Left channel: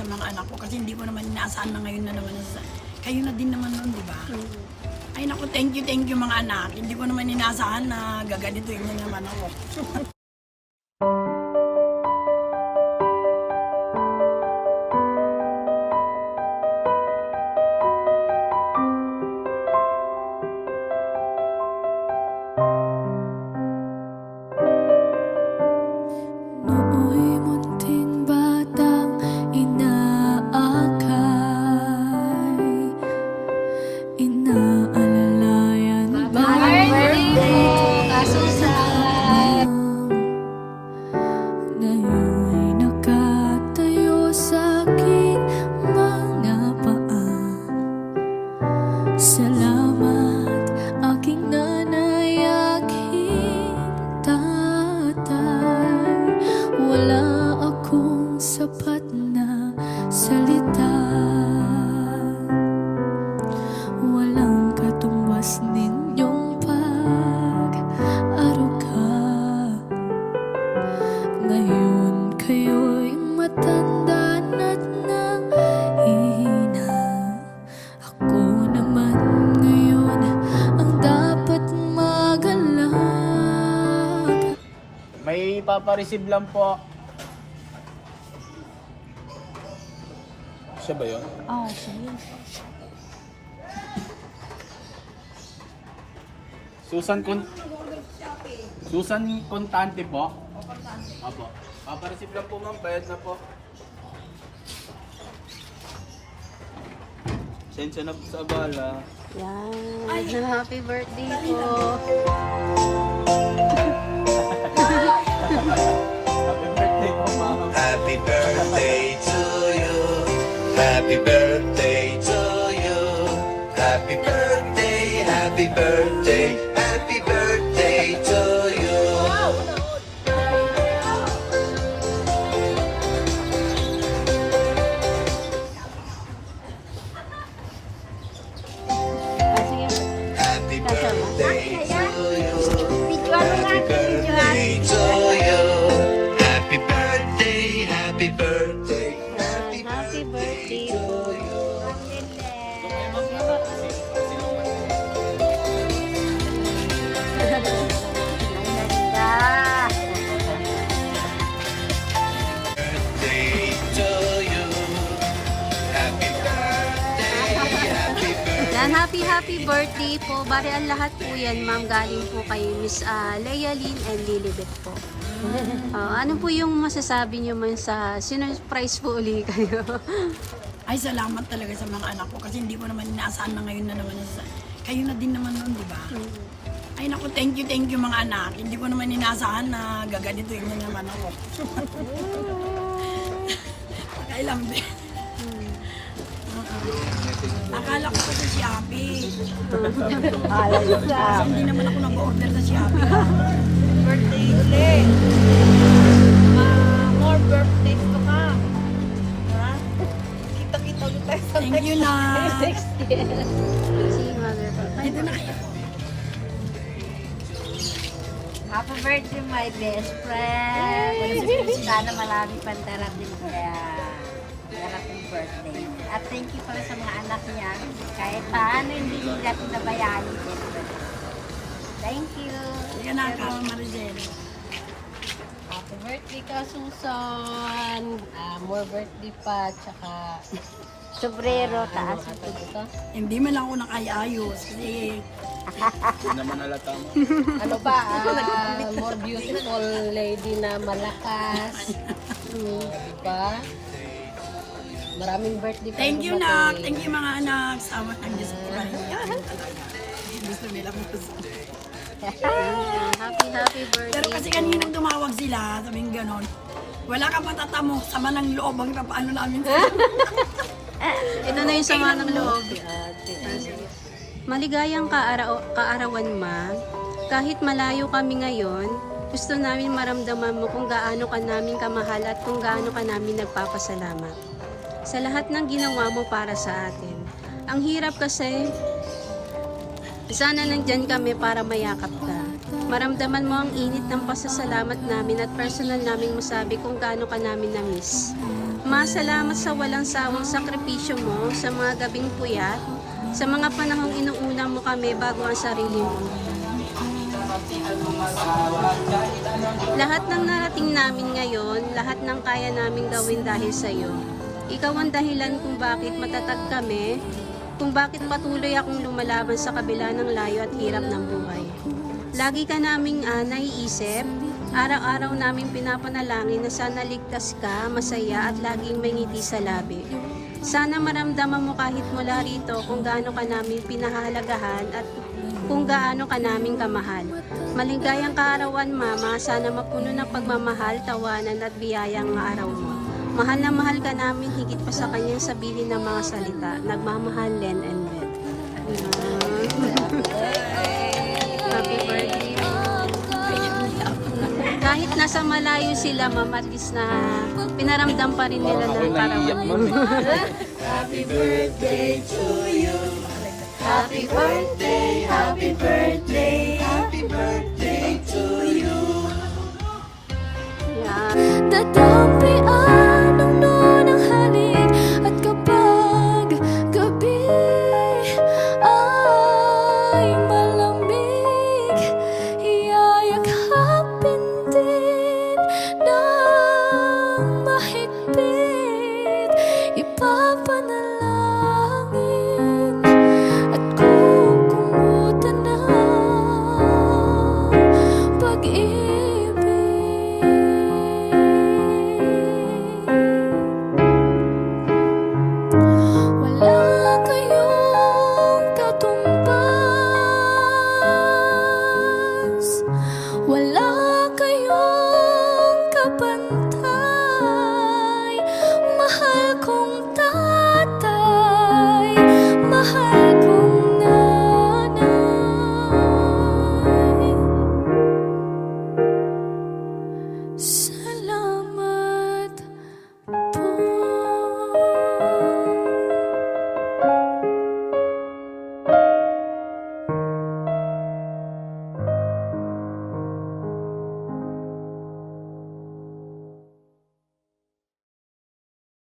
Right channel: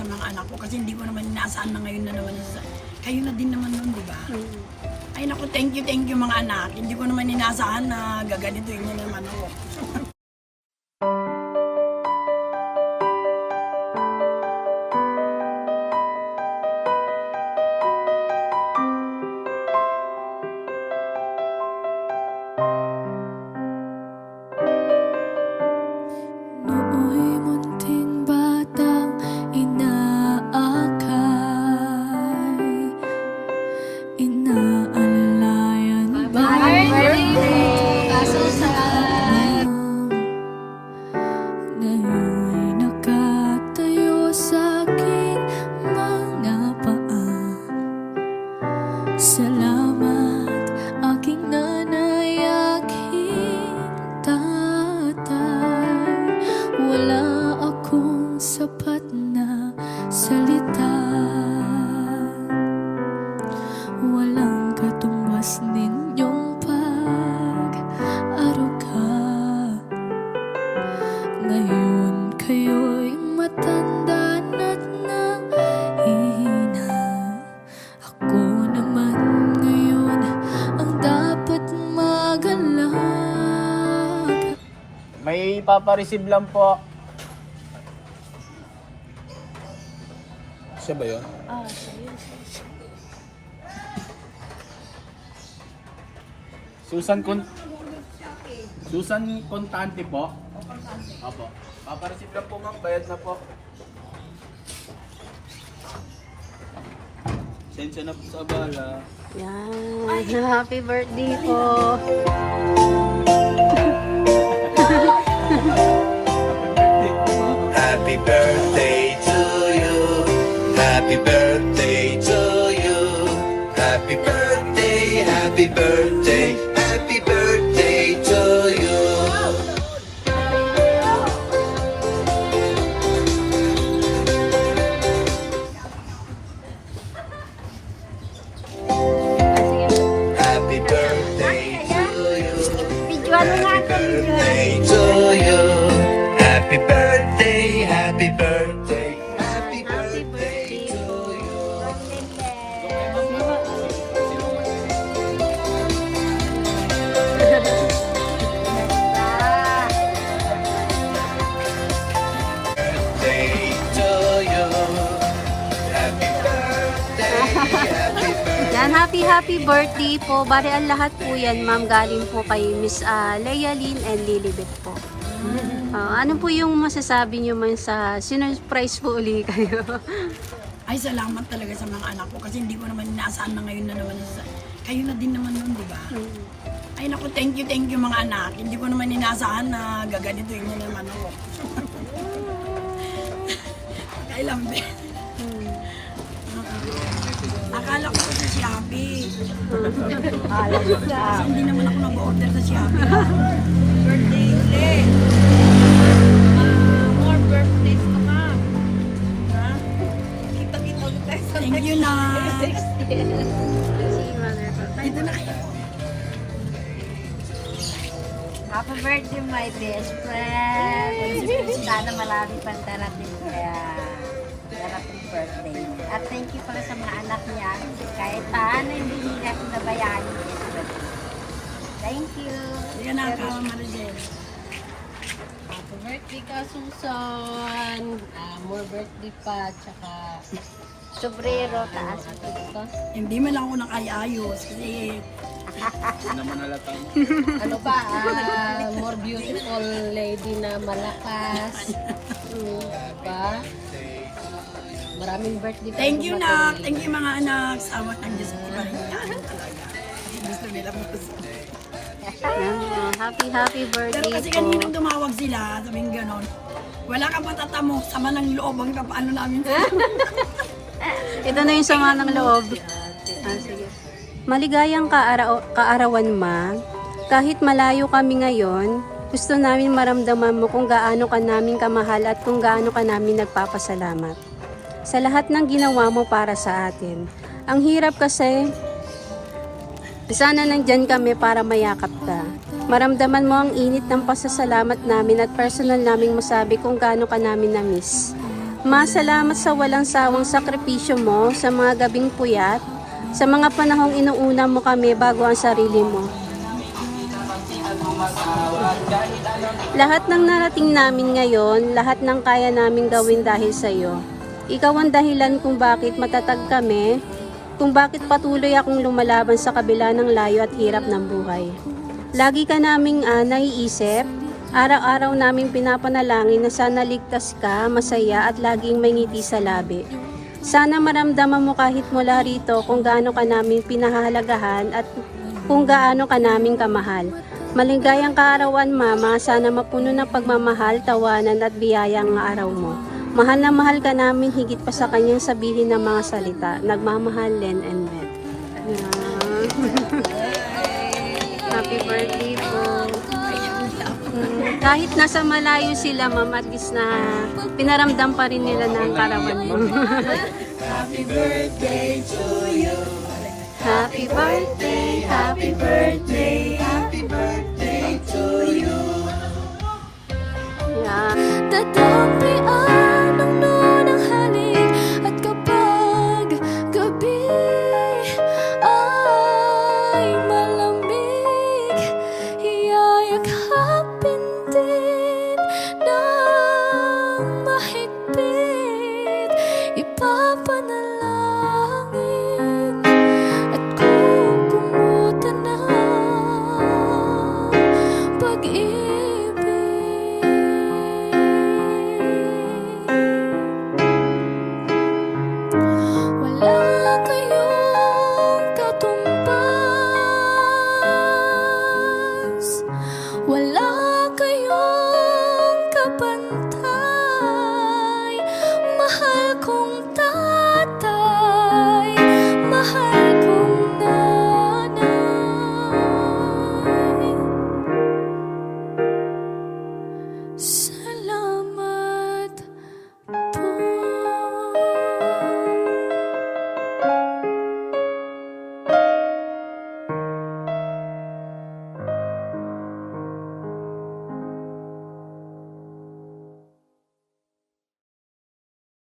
sa mga anak ko kasi hindi ko naman inaasahan na ngayon na naman kayo na din naman nun, di ba? Ay naku, thank you mga anak. Hindi ko naman inaasahan na gaganituin niyo naman ako. Nooy munting batang inaakay, inaalalayan ba ngayon'y nakatayo sa aking mga paa. Salamat aking nanay, aking tatay. Wala akong sapat na salita, walang katumbas ninyong pag-aruga. Ngayon kayo'y matanda na't nahihina. Ako naman ngayon ang dapat mag-alala. May papareceive lang po. Siya ba yun? Sige. Susan Contante po. Apo. Papareceive lang po ma'am, bayad na po. Sensya na po sa abala. Yan. Happy birthday po. Happy birthday po ma'am. Happy birthday to you. Happy birthday, happy birthday, happy birthday to you. Happy birthday to you. Happy birthday to you. Happy birthday, happy birthday, happy Happy birthday to po. you. Birthday to you. Happy birthday, happy birthday. Yan, happy birthday po. Bari ang lahat po yan, ma'am, galing po kay Miss Leia Lynn and Lilibet po. Ano po yung masasabi niyo man sa sinurprise po uli kayo? Ay salamat talaga sa mga anak ko kasi hindi ko naman inaasahan na ngayon na naman kayo na din naman nun, di ba? Ay naku, thank you mga anak. Hindi ko naman inaasahan na gaganituin niyo naman ako. Pakailang din. Akala ko pa sa Shopee. Kasi hindi naman ako nag-order sa Shopee. Birthday ulit. More birthdays pa ka. Ha? Kita-kita ulit tayo sa Thank you, Nak. Si mother po. Dito na kayo. Happy birthday, my best friend. Sana marami pang darating kaya darating birthday niya. At thank you pala sa mga anak niya. Kahit paano hindi nila pinabayaan yung birthday. Thank you. Sige na, Maricel. Happy birthday ka, Susan. More birthday pa. Tsaka sobrero. Taas mo dito. Hindi man lang ako nakayayos kasi Hindi naman halata mo. Ano pa? More beautiful lady na malakas. Diba? Maraming birthday pa. thank you, dumating. Nak. Thank you, mga anak. Sama ng Diyos. Iba rin yan talaga. Kasi gusto nila mo. Yan po. Happy birthday Pero kasi po. kaninang tumawag sila, sabing ganon, wala kang patatamo, sama ng loob, ang ipapaano namin. Ito na yung sama ng loob. Sige. Maligayang kaarawan, ma. Kahit malayo kami ngayon, gusto namin maramdaman mo kung gaano ka namin kamahal at kung gaano ka namin nagpapasalamat sa lahat ng ginawa mo para sa atin. Ang hirap kasi, sana nandyan kami para mayakap ka. Maramdaman mo ang init ng pasasalamat namin at personal naming masabi kung gaano ka namin na-miss. Masalamat sa walang sawang sakripisyo mo sa mga gabing puyat, sa mga panahong inuuna mo kami bago ang sarili mo. Lahat ng narating namin ngayon, lahat ng kaya namin gawin dahil sa iyo. Ikaw ang dahilan kung bakit matatag kami, kung bakit patuloy akong lumalaban sa kabila ng layo at hirap ng buhay. Lagi ka naming naiisip, araw-araw naming pinapanalangin na sana ligtas ka, masaya at laging may ngiti sa labi. Sana maramdaman mo kahit mula rito kung gaano ka namin pinahahalagahan at kung gaano ka namin kamahal. Maligayang kaarawan, Mama, sana mapuno ng pagmamahal, tawanan at biyayang araw mo. Mahal na mahal ka namin higit pa sa kanyang sabihin ng mga salita. Nagmamahal, Len and Beth. Happy birthday po. Kahit nasa malayo sila, Ma'am, at least na pinaramdam pa rin nila ng karawan mo. Happy birthday to you. Happy birthday, happy Birthday, happy birthday to you. yeah. Dadampian ang nunang halik at kapag gabi ay malamig, iyayakapin din ng mahigpit, ipapanalangin at kukumutan ng pag-ibig. Wala kayong katumbas, wala kayong kapantay, mahal kong tayo.